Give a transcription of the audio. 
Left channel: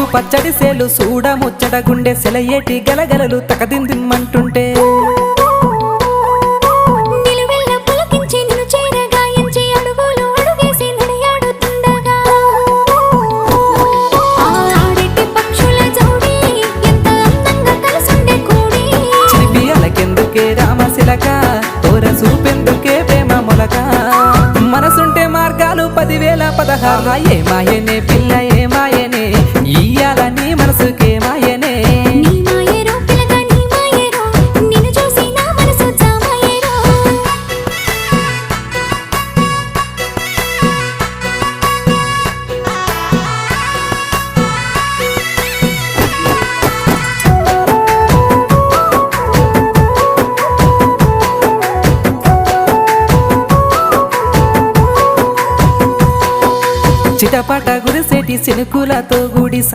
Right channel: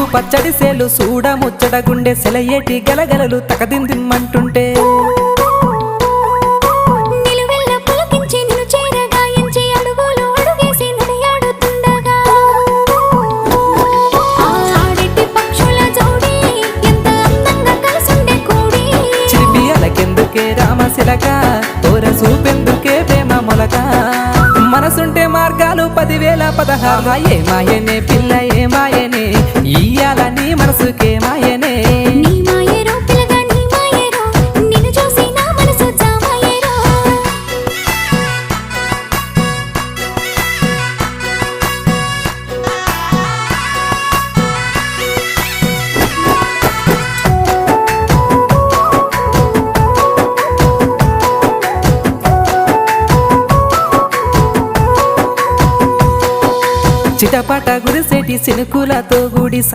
ముద్దు పచ్చడి సేలు సూడ ముచ్చట గుండె సెలయేటి గలగలలు తకదిందిమ్మంటుంటే నిలువెల్ల పులకించి నిన్ను చేరగాయించి అడుగులు అడుగేసి నడియాడుతుండగా ఆడెట్టి పక్షుల జోడి ఎంత అందంగా కలుసుండే కూడి చిలిపి అలకెందుకే రామశిలక తోర సూపెందుకే ప్రేమ మొలక మనసుంటే మార్గాలు 10,016 ఏ మాయనే పిల్ల ఏ మాయనే ఇయ్యాల నీ మనసుకే మాయనే నీ మాయేరో పిల్లగా నీ మాయేరో నిన్ను చూసి నా మనసు జామాయేరో చిటపట గురిసేటి సినుకులతో గుడి